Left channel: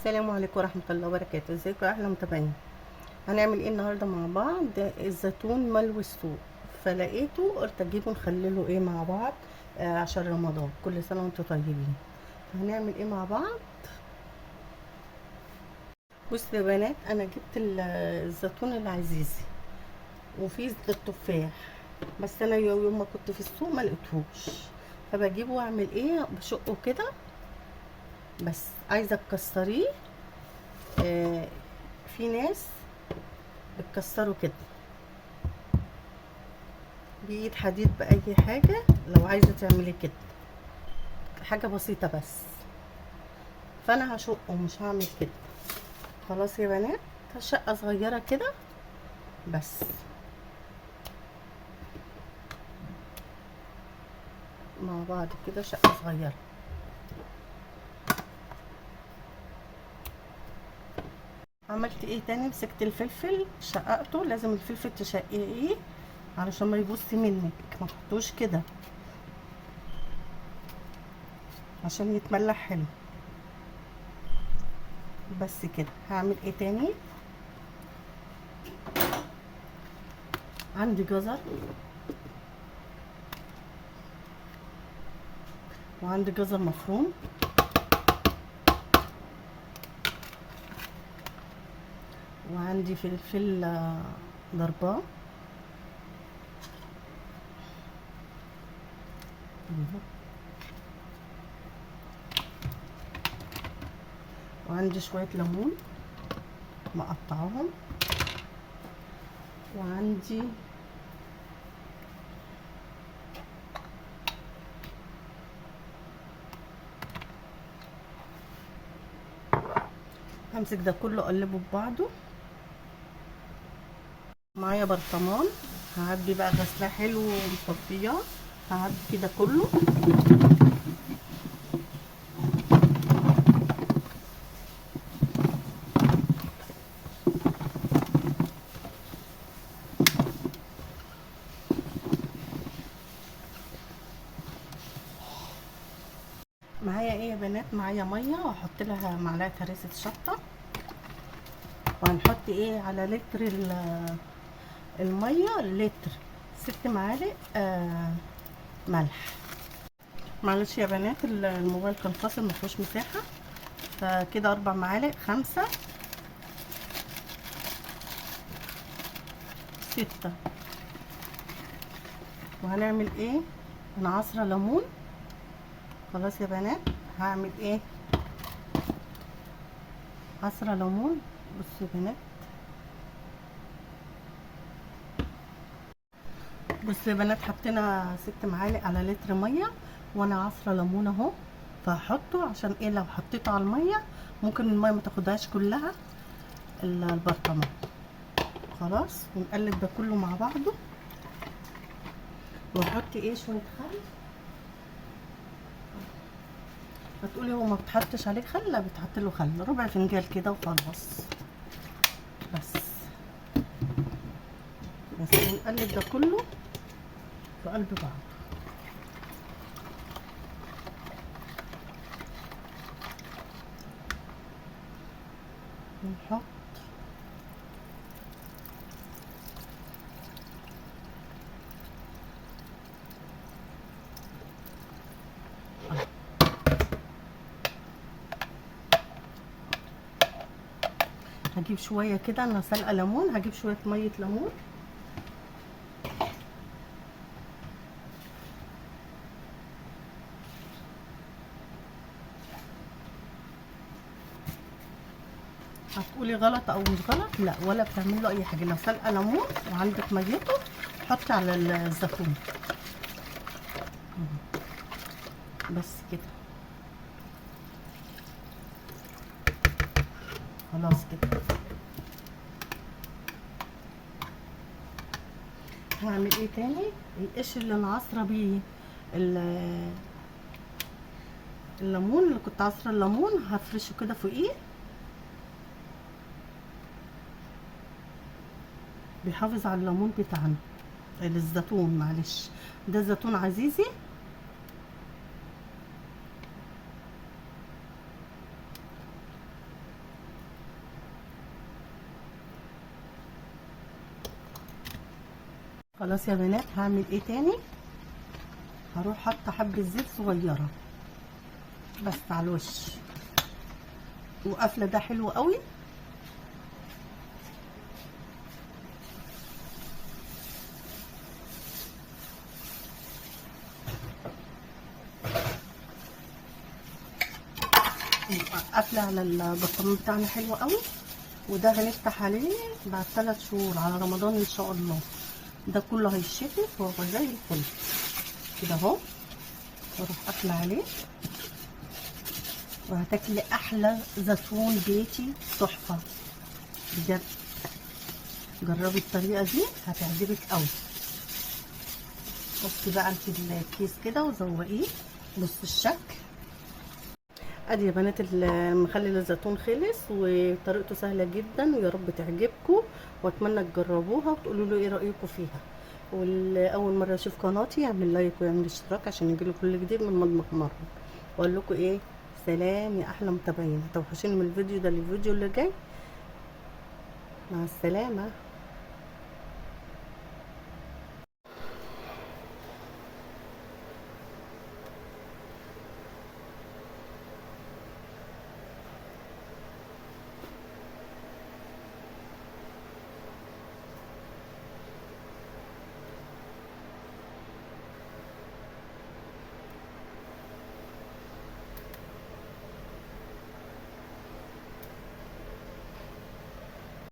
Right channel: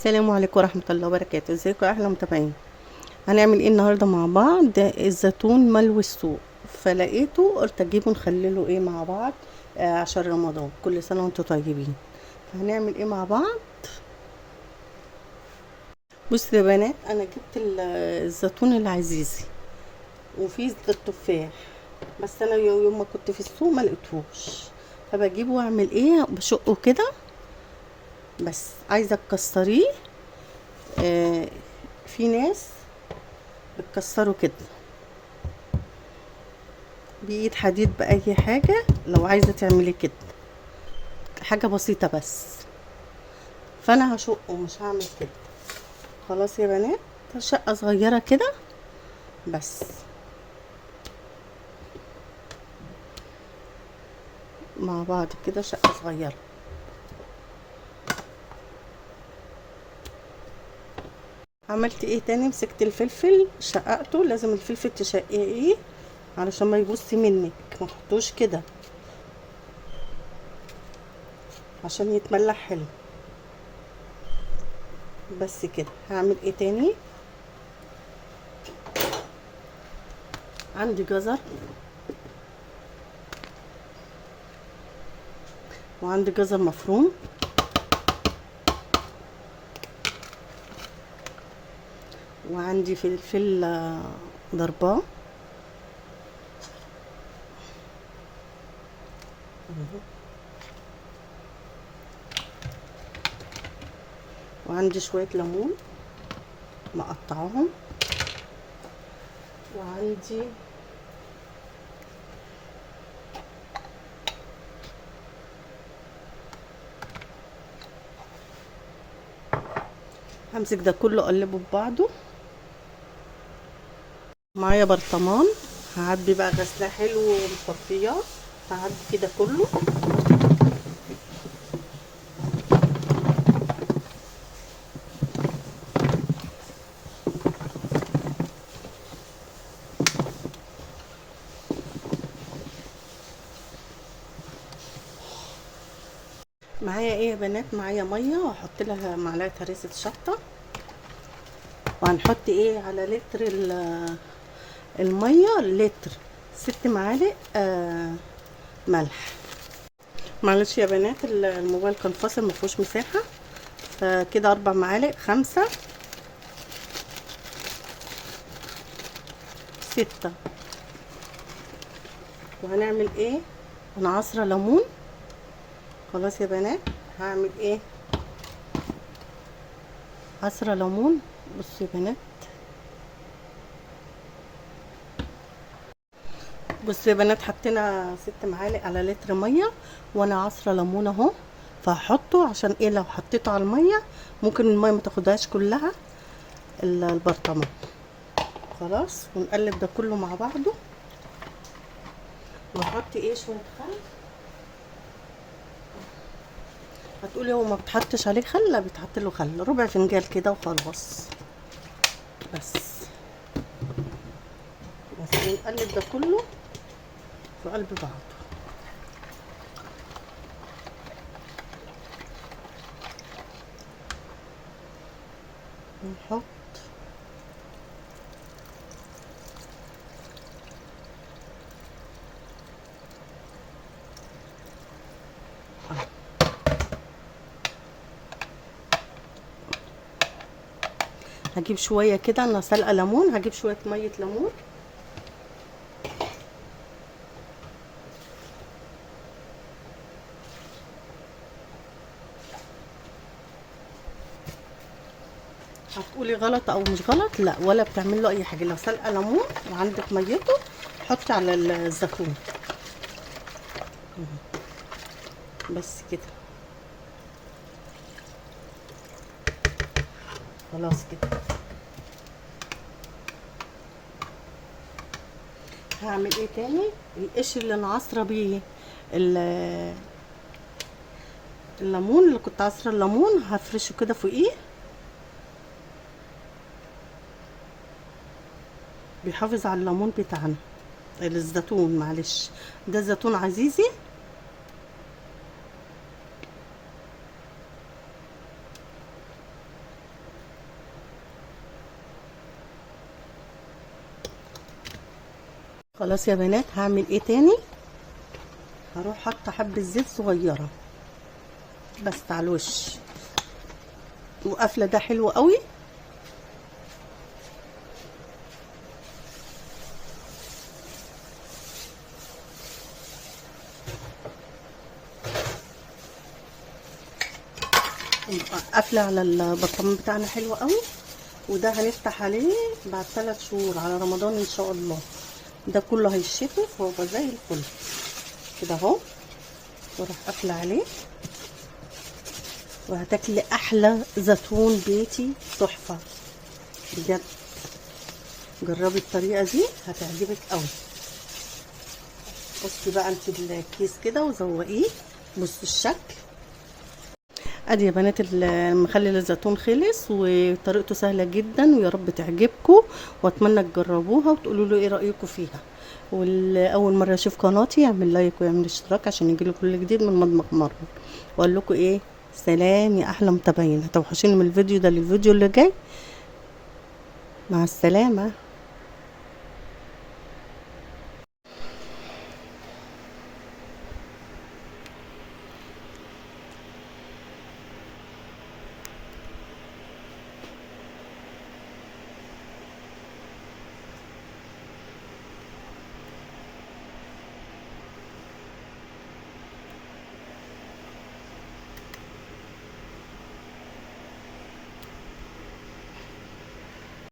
السلام عليكم ورحمة الله وبركاته. ازيكم يا احلى متابعين؟ هنعمل ايه النهارده مع بعض؟ الزيتون ملوي السوق، فلقيته قلت اجيبه نخلله ايه مع بعض. عشان رمضان، كل سنة وانتم طيبين. هنعمل ايه مع بعض؟ بصوا يا بنات، انا جبت الزيتون العزيزي وفي التفاح، بس انا يوم ما كنت في السوق ما لقيتهوش، فبجيبه واعمل ايه، بشقه كده. بس عايزه تكسريه. آه في ناس بتكسره كده بإيد حديد بأي حاجة، لو عايزة تعملي كده حاجة بسيطة بس. فأنا هشقه، مش هعمل كده. خلاص يا بنات، شقة صغيرة كده بس، مع بعض كده شقة صغيرة. عملت ايه تاني؟ مسكت الفلفل شققته. لازم الفلفل تشققيه علشان ما يبص منك، ما تحطوش كده عشان يتملح حلو. بس كده. هعمل ايه تاني؟ عندي جزر، وعندي جزر مفروم، وعندي فلفل ضرباه، وعندي شوية ليمون مقطعاهم، وعندي همسك ده كله اقلبه في بعضه. معايا برطمان، هعبي بقى غسله حلو ومصفياه، هعبي كده كله. معايا ايه يا بنات؟ معايا ميه، واحط لها معلقه هريسه شطه، وهنحط ايه على لتر الميه، لتر 6 معالق ملح. معلش يا بنات، الموبايل كان فاصل مفيهوش مساحه، فكده 4 معالق، 5، 6. وهنعمل ايه؟ انا عصره ليمون. خلاص يا بنات، هعمل ايه؟ عصره ليمون. بصوا يا بنات، بصوا يا بنات، حطينا 6 معالق على لتر ميه، وانا عصره ليمون اهو. فهحطه عشان ايه؟ لو حطيته على الميه ممكن الميه ما تاخدهاش كلها البرطمان. خلاص، ونقلب ده كله مع بعضه. واحط ايه؟ شويه خل. هتقولي هو ما بتحطش عليه خل؟ لا، بيتحط له خل، ربع فنجان كده وخلاص. بس بس ونقلب ده كله في قلب بعض. ونحط هجيب شويه كده، انا سلقه ليمون، هجيب شويه ميه ليمون. هتقولي غلط او مش غلط؟ لا، ولا بتعمل له اي حاجه. لو سلقه ليمون وعندك ميته، حطي على الزيتون. بس كده. خلاص كده. هعمل ايه تاني؟ القشر اللي انا عصره بيه ال- الليمون، اللي كنت عصره الليمون، هفرشه كده فوقيه. بيحافظ على الليمون بتاعنا، الزيتون، معلش، ده زيتون عزيزي. خلاص يا بنات، هعمل ايه تاني؟ هروح حاطه حبه زيت صغيره بس على الوش، وقافله ده حلو قوي. قافله على البرطمان بتاعنا حلو قوي. وده هنفتح عليه بعد 3 شهور على رمضان ان شاء الله. ده كله هيشفي وهو زي الفل كده اهو. واروح قافله عليه، وهتاكلي احلى زيتون بيتي تحفه بجد. جربي الطريقه دي هتعجبك قوي. بصي بقى انت الكيس كده وزوقيه. بصوا الشكل. ادي يا بنات المخلل الزيتون خلص، وطريقته سهله جدا، ويا رب تعجبكم، واتمنى تجربوها وتقولوا له ايه رايكم فيها. واول مره يشوف قناتي يعمل لايك ويعمل اشتراك عشان يجيله كل جديد من مطبخ مروه. واقول لكم ايه، سلام يا احلى متابعين. هتوحشوني من الفيديو ده للفيديو اللي جاي. مع السلامه.